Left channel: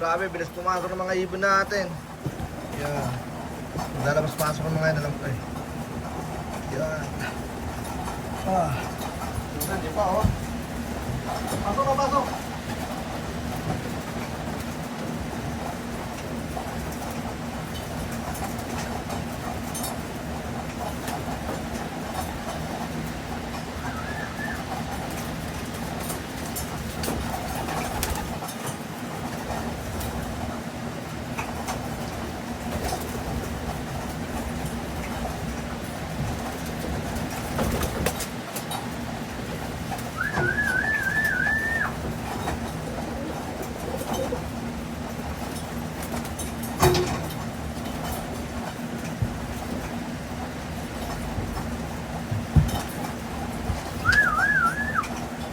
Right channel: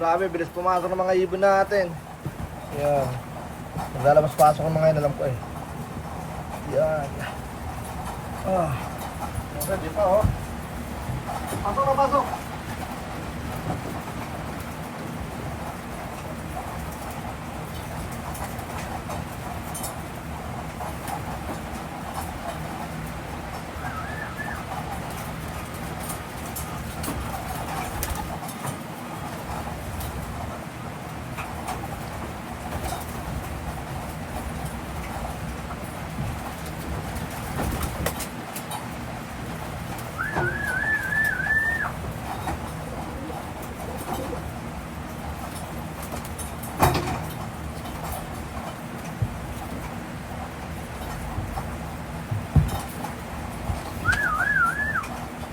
Grabe, bilis pumasok ng mga ibon natin. Yan. Naglalabas-pasok ng mga yan, alam ko eh. Yan. Ah. Sige pa, oh. Pasok na, pasok.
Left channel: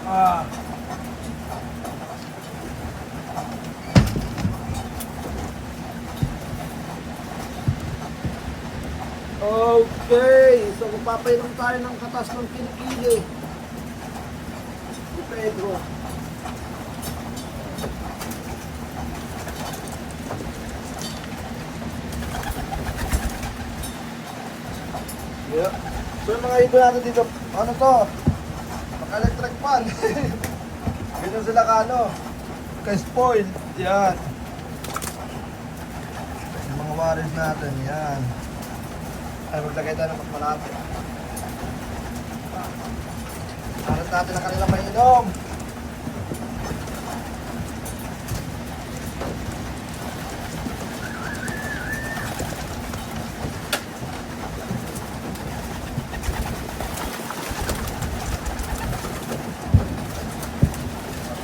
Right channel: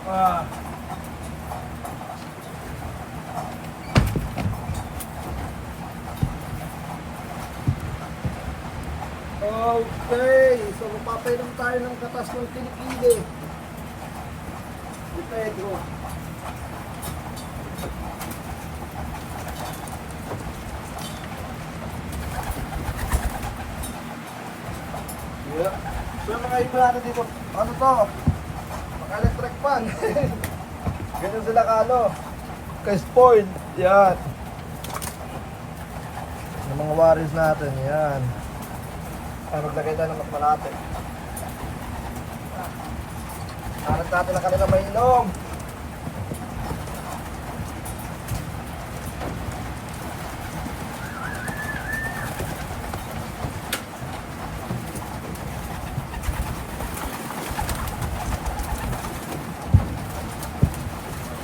Ah. Okay, so magpapainom tayo ng katas ng kilikili. Ni Pedro. Yeah. So mga iba natin dito, ano to? Paka-electric fan. Ganyan sila ka ano, ka-spoil. Yan. Yung mga warriors natin, yan. Ay, maglagay tayo ng mas Hanap natin ang kanila may inom.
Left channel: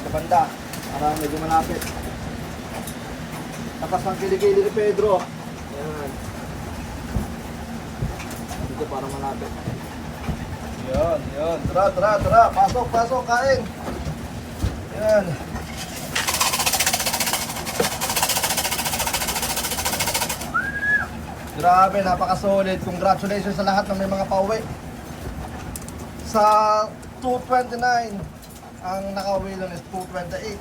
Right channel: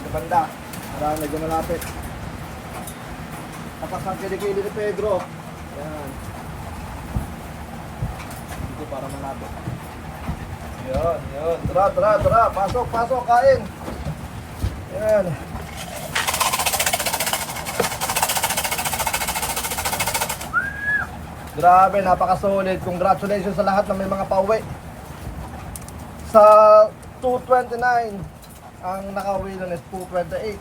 Sa banda, para medyo malapit. Tapos ang kilikili ni Pedro. Ayan. Dito para malapit. Yun, yun. Tara, tara, tara. Pasok, pasok, kain. Ayan. Grabe, napaka-solid. Congratulations sa lahat ng may mga pauwi. Sa 229, ang nakauwi doon is 228.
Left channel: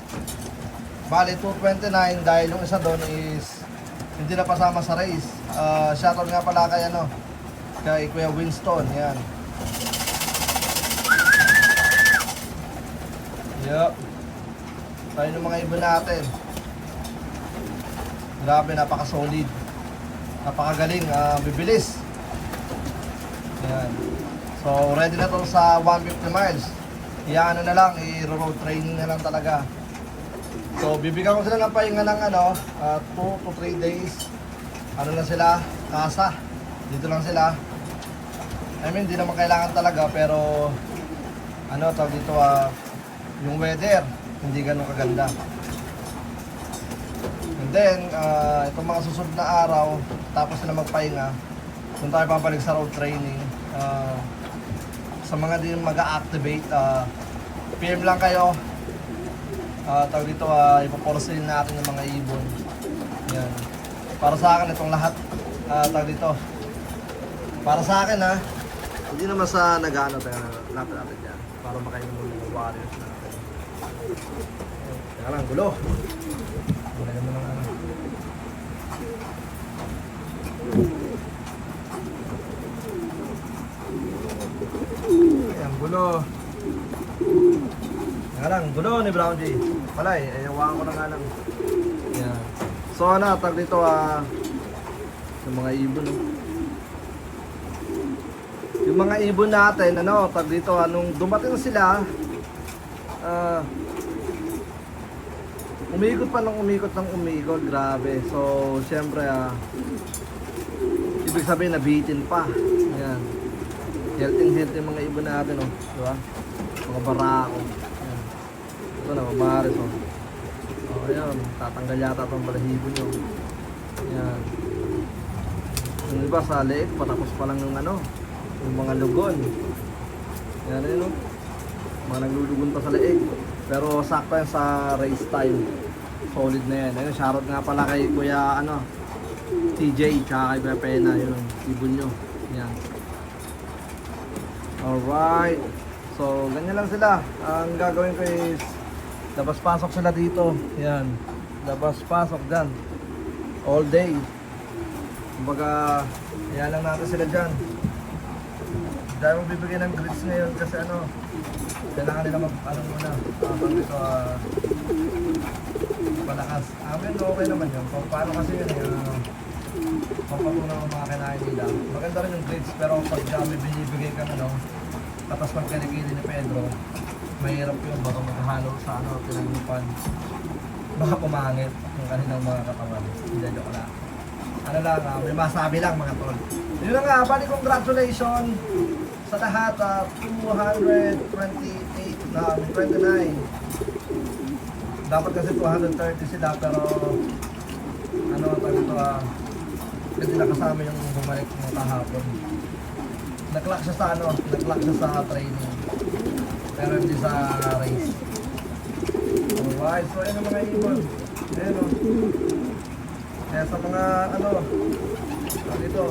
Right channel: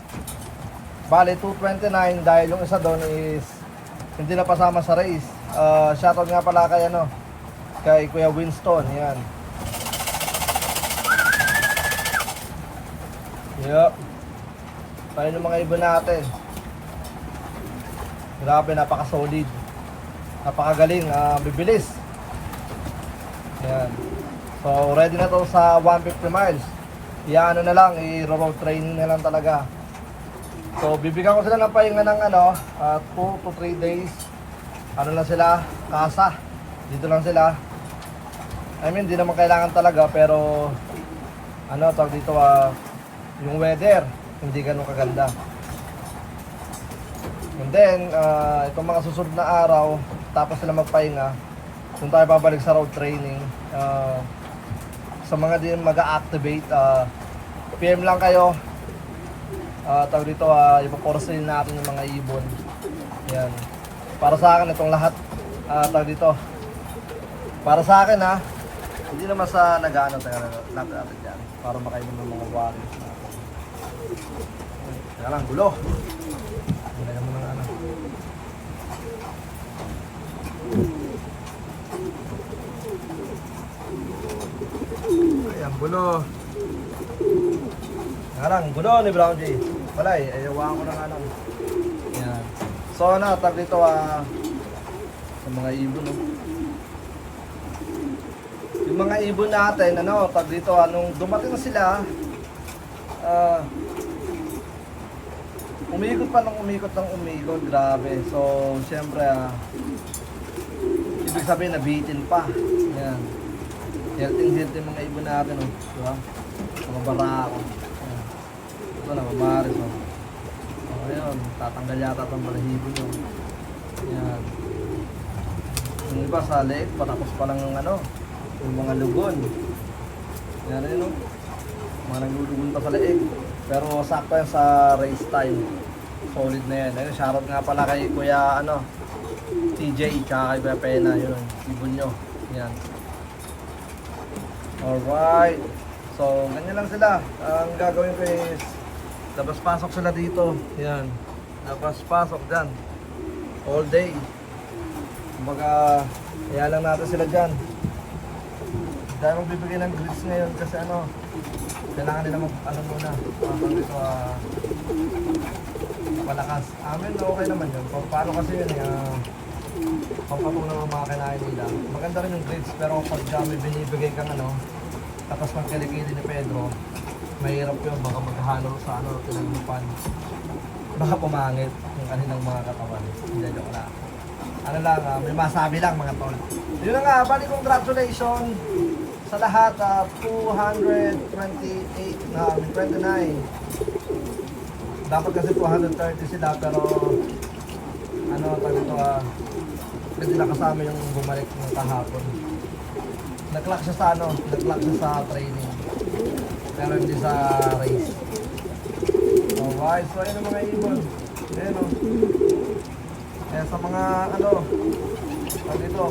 Bali, 229 dahil yung isa doon is hindi na pasama sa race. Uh, shoutout nga pala kay ano, kay Kuya Winston, yan. Yup. Tayo ng mga ibon natin. Grabe, napaka-solid. Napakagaling, ah, bibilis. Yan. So, ready na to sa 150 miles. Iyaano na lang, i-road training na lang talaga. So, bibigyan ko sila ng pahinga ng ano, 2 to 3 days. Ano lang sila, kasa. Dito lang sila. I mean, di naman kailangan talaga, pero ano, tawag dito, ah, yung weather, hindi ganun kaganda. And then, ah, itong mga susunod na araw, tapos sila magpahinga, kung tayo babalik sa road training, ah, sa mga din mag-activate, ah, PM lang kayo, Ah, tawag dito, uh, ipaporcelain natin yung mga ibon. Yan. Para sa akin, itong lahat, ah, tawag dito, para sa akin ha, hindi naman sa nag-ano tayo, natin natin yan, para makainin yung mga warriors na. Kaya lang, gulo. Lagyan mo ng ano. Ayan, gulo. Nga lang, gulo ni Brown J. Palay, ayawan ko na nga lang. So ano, tag dito ah, yung mga ibon. No? Yung mga ibon natin, ano, tag dito, anong dumating sila, ah, umikot pa ng umikot ng umikot, grabe. So, syempre, ah, ibig sabihin, nabitin pa. Yan. Healthy-healthy yung mga ibon natin, oh. Di ba? Mga barako. Ito na, mabaris, oh. Oh, ayun. Tatanggal yata itong balahibo nyo. Yan. Yung iba sa leeg, patapos pa lang ng ano, yung mga lugon. Yan rin, oh. Mga naglulugon pa sa leeg. Pero sakto yan sa race time. Solid na yan. Ayun, shoutout nga pala kay Kuya, ano, TJ, tsaka kay Kuya Pena, yun, ibon nyo. Yan. Alright. So, ganyan lang sila. Ang gagawin ko is, labas pasok sila dito. Yan. labas pasok dyan. All day. Kumbaga, kaya lang natin sila dyan. Dahil magbibigay ng grits ngayon kasi ano, kailangan nila mag, ano muna, habang dito, ah, palakas. Amin, okay naman yun. Kung paano kasi yun, eh, ah, pampatunaw ng mga kinain nila. Maganda rin yung grades, pero pag may binibigay kang ano, tapos magkalikili ni Pedro, mahirap yun, baka maghalo sa ano, tinaglupan. Baka pumangit yung kanilang mga katawan. Hindi, joke lang. Ano lang, ah, may masabi lang mga tol. Yun na nga, bali congratulations sa lahat, ah, 228 na, 29. Dapat kasi 230 sila, pero ano, tawag ito, ah, hindi na kasama yung bumalik ng kahapon. Nag-clock siya sa ano, nag-clock siya sa training. Pero hindi sa race. Alright, so ayun ang mga ibon. Ayun o. Kaya sa mga ano, ano dito,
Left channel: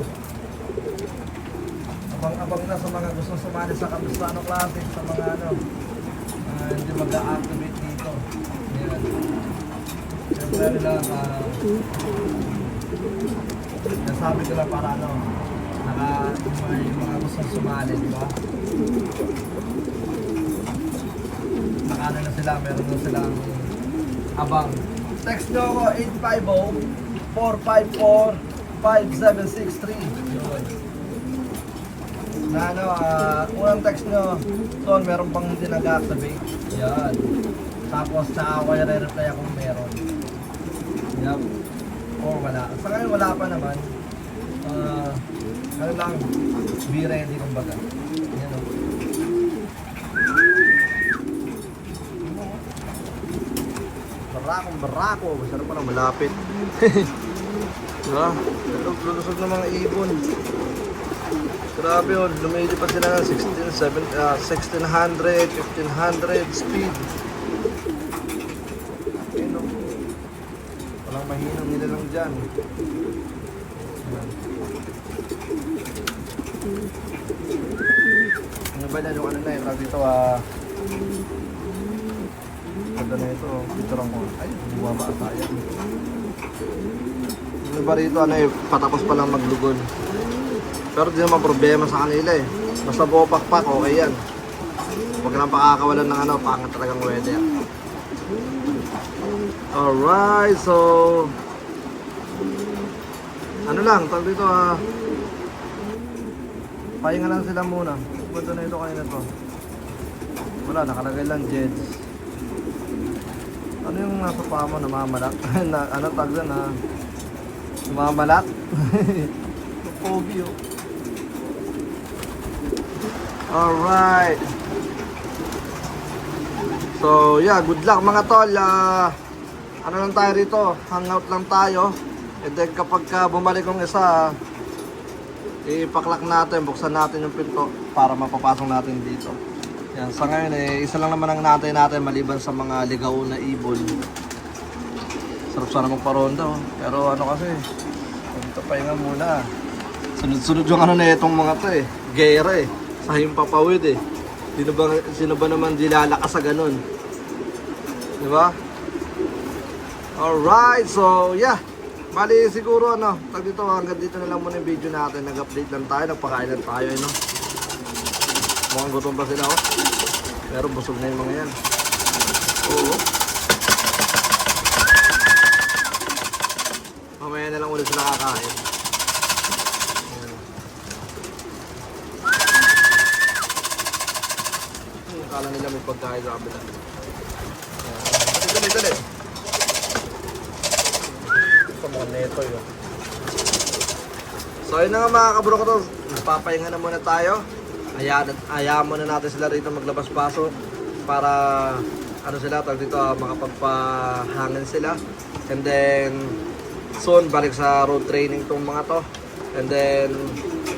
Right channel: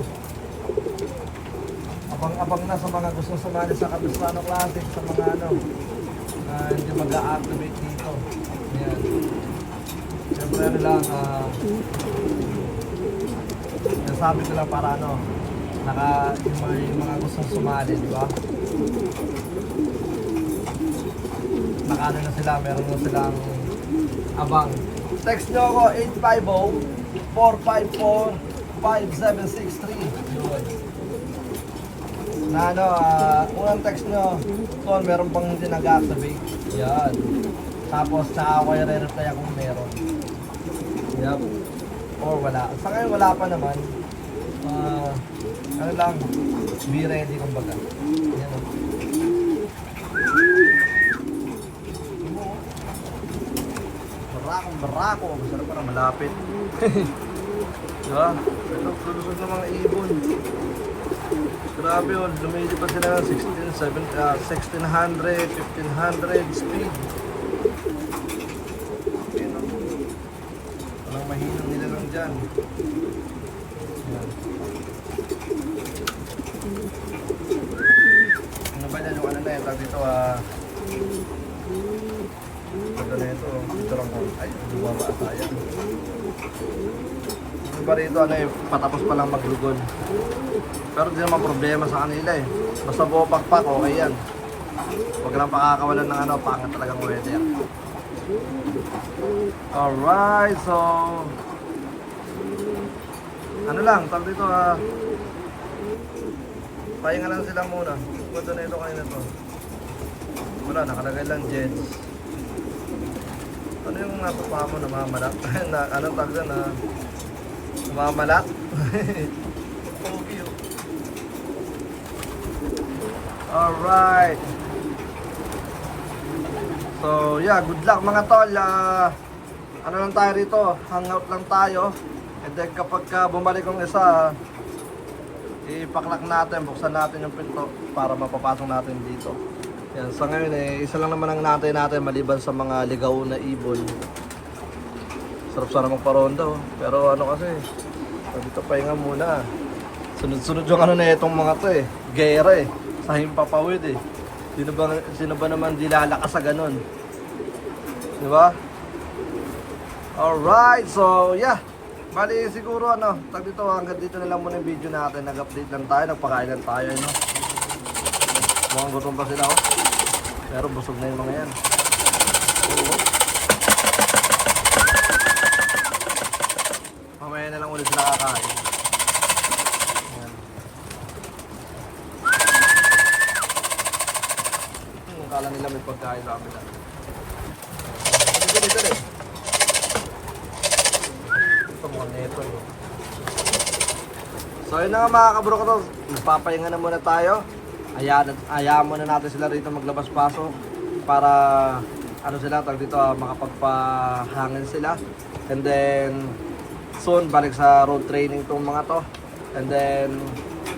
abang-abang na sa mga gustong sumali sa Capistrano Classic, sa mga ano, ah, hindi mag-activate dito. Ayan. Siyempre ano lang, ah, nasabi ko lang para ano, naka, yung mga, yung mga gustong sumali, di ba? Nakano na sila, meron na silang abang. Text nyo ako, 850-454-5763. Yun. Na ano, ah, unang text nyo, Ton, meron pang hindi nag-activate. Yan. Tapos, saka ako yung re-reply kung meron. Yup. Or wala. Sa ngayon, wala pa naman. Ah, ano lang, be ready kumbaga. Yan o. Barakong barako. Masarap pa na malapit. diba? Lulusog ng mga ibon. Grabe yun, lumilipad sila ng 16, 7, ah, 1600, 1500 speed. Walang mahinang nilalang dyan. Ayan. Ano ba yan yung ano na yun? Tawag dito ah... Ganda na ito. Ito lang ko. Ay, bumaba ata yan. Ano ba rito? Ano eh, patapos pa lang maglugon. Pero di naman problema sa kanila eh. Basta buo pakpak, okay yan. Huwag lang pakakawalan ng ano, pangit talagang weather. Alright, so... Ano lang, tawag dito ah... Pahinga lang sila muna. Ganda na ito kanina to. Wala, nakalagay lang Jeds. Ano yung nasa paa mo, namamalat? na, ano dyan, na... Namamalat? Pogi oh. Alright. So, yeah, good luck mga tol. Ah, ano lang tayo rito, hangout lang tayo. And then kapag ka bumalik yung isa, ipaklak natin, buksan natin yung pinto para mapapasok natin dito. Yan, sa ngayon eh, isa lang naman ang natin natin maliban sa mga ligaw na ibon. Sarap sana magparonda oh. Pero ano kasi, dito pahinga muna. Sunod-sunod yung ano na itong mga to eh. Gera eh. Sa himpapawid eh. Sino ba, sino ba naman di lalakas sa ganun? Di ba? Alright, so yeah. Bali siguro ano, tag dito hanggang dito na lang muna yung video natin. Nag-update lang tayo, nagpakain lang tayo, eh, no? Mukhang gutom pa sila, oh. Pero busog na yung mga yan. Oo. Mamaya na lang ulit sila kakain. Yan. Hmm, Akala nila may pagkain sa kabila. Dali, dali, dali. Ito mga neto yun. So yun na nga mga kabro ko to. Papahinga na muna tayo. Hayaan, hayaan muna natin sila rito maglabas-pasok para ano sila, tag dito ah, makapagpahangin sila. And then soon balik sa road training tong mga to. And then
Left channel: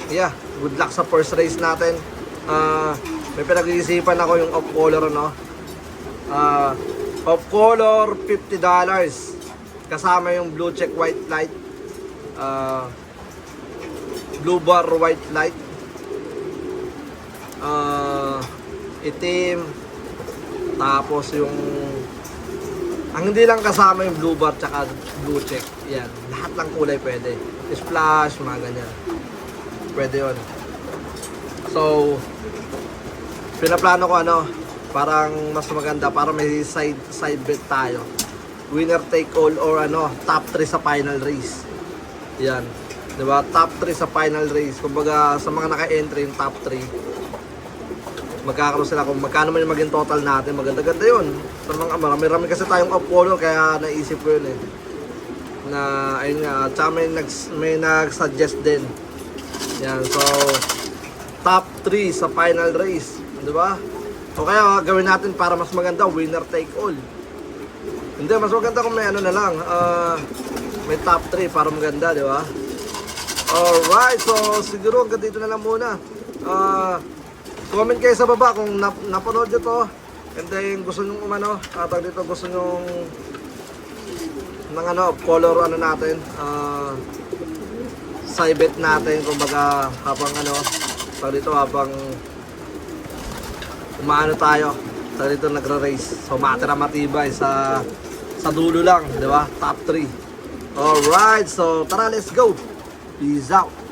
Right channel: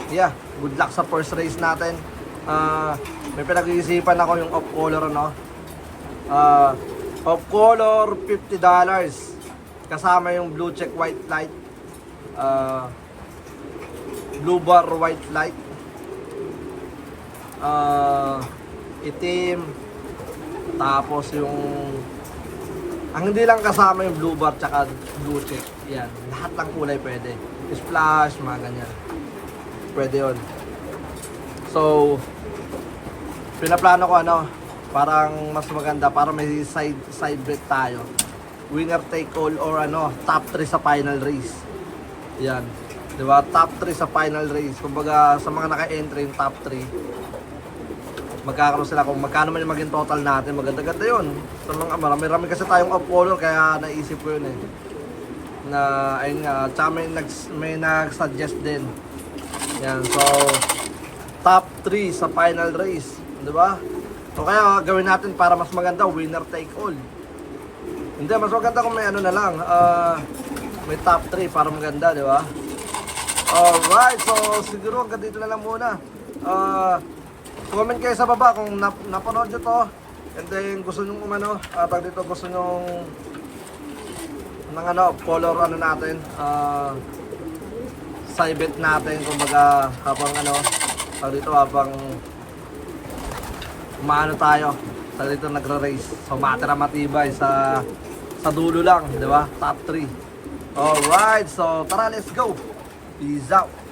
yeah, good luck sa first race natin. Ah, may pinag-iisipan ako yung off color no. Ah, off color $50 kasama yung blue check white light. Ah, blue bar white light ah itim tapos yung Ang hindi lang kasama yung blue bar tsaka blue check. Yan. Lahat ng kulay pwede. Splash, mga ganyan. Pwede yon. So, pinaplano ko ano, parang mas maganda para may side side bet tayo. Winner take all or ano, top 3 sa final race. Yan. 'Di ba? Top 3 sa final race. Kumbaga sa mga naka-entry yung top 3, magkakaroon sila kung magkano man yung maging total natin. Maganda-ganda yun. Sa mga marami-rami kasi tayong Apollo kaya naisip ko yun eh. Na ayun nga, tsaka may, nag, may nag-suggest din. Yan, so top 3 sa final race, 'di ba? O kaya gawin natin para mas maganda, winner take all. Hindi, mas maganda kung may ano na lang, ah, may top 3 para maganda, di ba? Alright, so siguro hanggang dito na lang muna. Ah, comment kayo sa baba kung nap napanood nyo to. And then gusto nyo umano, uh, pag dito gusto nyo ng ano, color ano natin, ah, side natin, kumbaga habang ano, pag dito habang umaano tayo, pag dito nagre-race. So matira matibay sa sa dulo lang, di ba? Top 3. Alright, so tara, let's go. Peace out.